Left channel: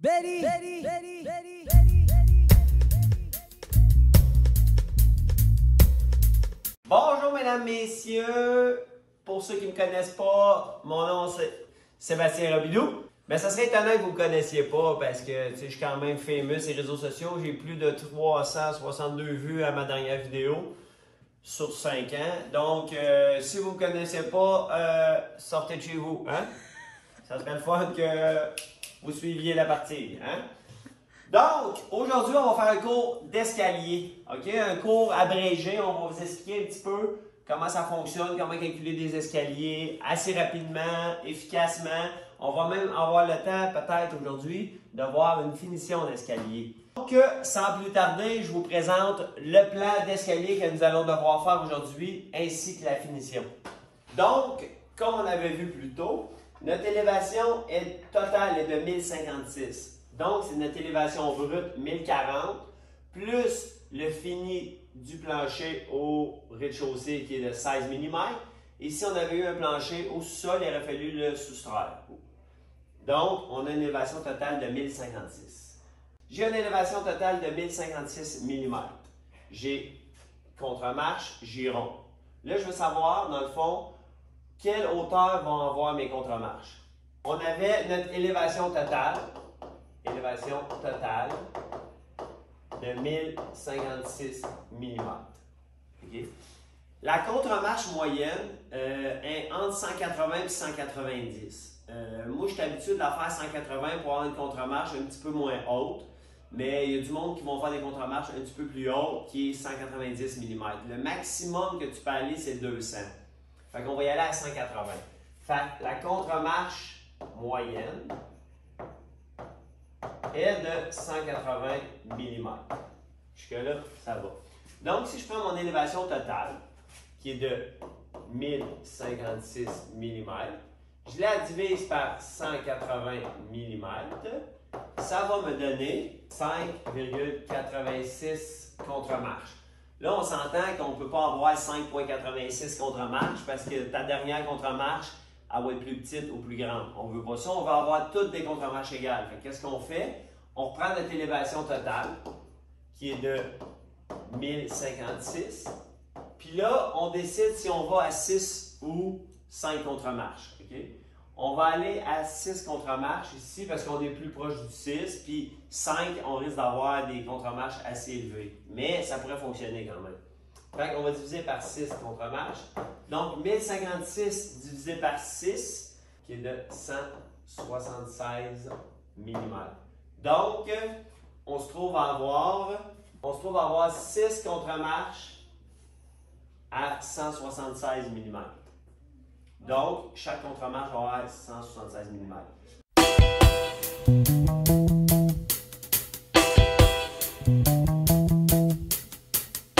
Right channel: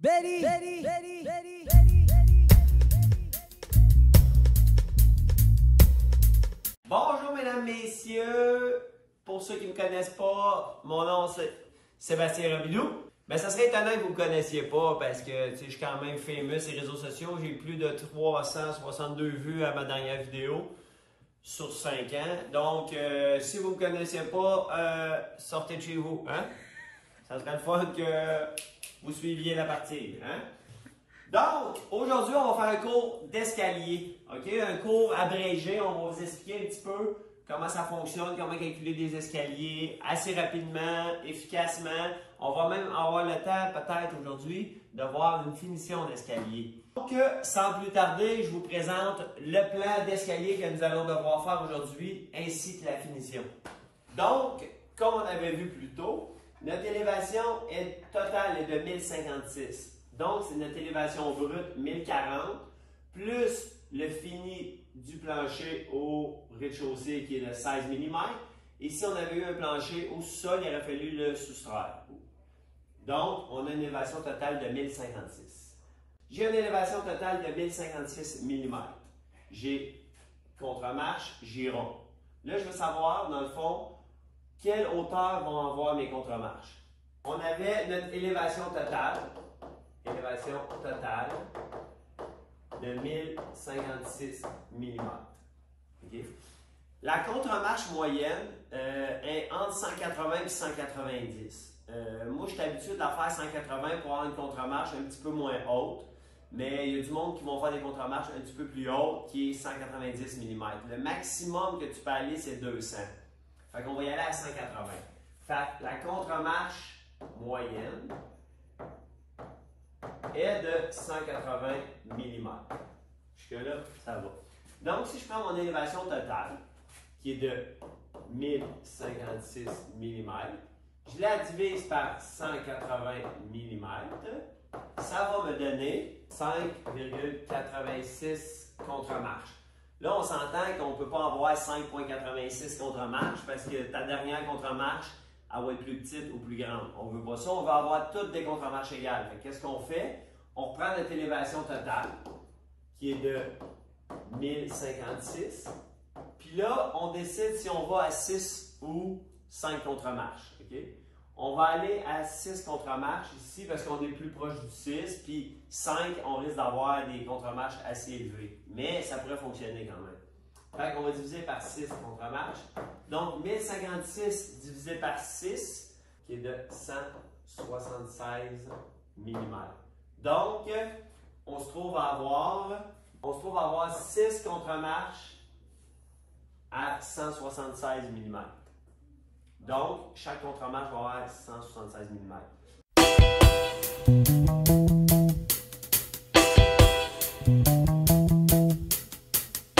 Betty. Bonjour mesdames, messieurs. Pour ceux qui ne me connaissent pas, mon nom c'est Sébastien Robidoux. Mais ça serait étonnant que vous ne me connaissiez pas parce que je suis quand même fameux sur les réseaux sociaux. J'ai plus de 362 vues à ma dernière vidéo sur 5 ans. Donc, si vous ne me connaissez pas, sortez de chez vous. Hein? Ça serait le fun que vous suiviez la partie. Hein? Donc, aujourd'hui, on va faire un cours d'escalier. OK? Un cours abrégé. On va vous expliquer un petit peu comment ça fonctionne, comment calculer des escaliers assez rapidement, efficacement. On va même avoir le temps, peut-être aujourd'hui, de voir une finition d'escalier. Donc, sans plus tarder, je vous présente le plan d'escalier que nous allons devoir faire aujourd'hui, ainsi que la finition. Donc, comme on avait vu plus tôt, notre élévation totale est de 1056. Donc, c'est notre élévation brute 1040, plus le fini du plancher au rez-de-chaussée qui est de 16 mm. Et si on avait eu un plancher au sol, il aurait fallu le soustraire. Donc, on a une élévation totale de 1056. J'ai une élévation totale de 1056 mm. J'ai contre-marche, giron. Là, je veux savoir, dans le fond, quelle hauteur vont avoir mes contre-marches. On avait notre élévation totale de 1056 mm. Okay. La contre-marche moyenne est entre 180 et 190. Moi, je suis habitué de la faire 180 pour avoir une contre-marche un petit peu moins haute, mais il y a du monde qui vont faire des contre-marches un petit peu plus hautes, qui est 190 mm. Le maximum que tu peux aller, c'est 200. Fait qu'on va y aller à 180. Fait que la contre-marche moyenne est de 180 mm. Jusque-là, ça va. Donc, si je prends mon élévation totale, qui est de 1056 mm, je la divise par 180 mm, ça va me donner 5,86 contre-marches. Là, on s'entend qu'on ne peut pas avoir 5,86 contre-marches parce que ta dernière contre-marche, elle va être plus petite ou plus grande. On ne veut pas ça, on veut avoir toutes des contre-marches égales. Qu'est-ce qu'on fait? On reprend notre élévation totale, qui est de 1056. Puis là, on décide si on va à 6 ou 5 contre-marches. Okay? On va aller à 6 contre-marches ici parce qu'on est plus proche du 6. Puis 5, on risque d'avoir des contre-marches assez élevées. Mais ça pourrait fonctionner quand même. Fait qu'on va diviser par 6 contre-marches. Donc, 1056 divisé par 6, qui est de 176 mm. Donc, on se trouve à avoir 6 contre-marches à 176 mm. Donc, chaque contre-marche va avoir 176 mm.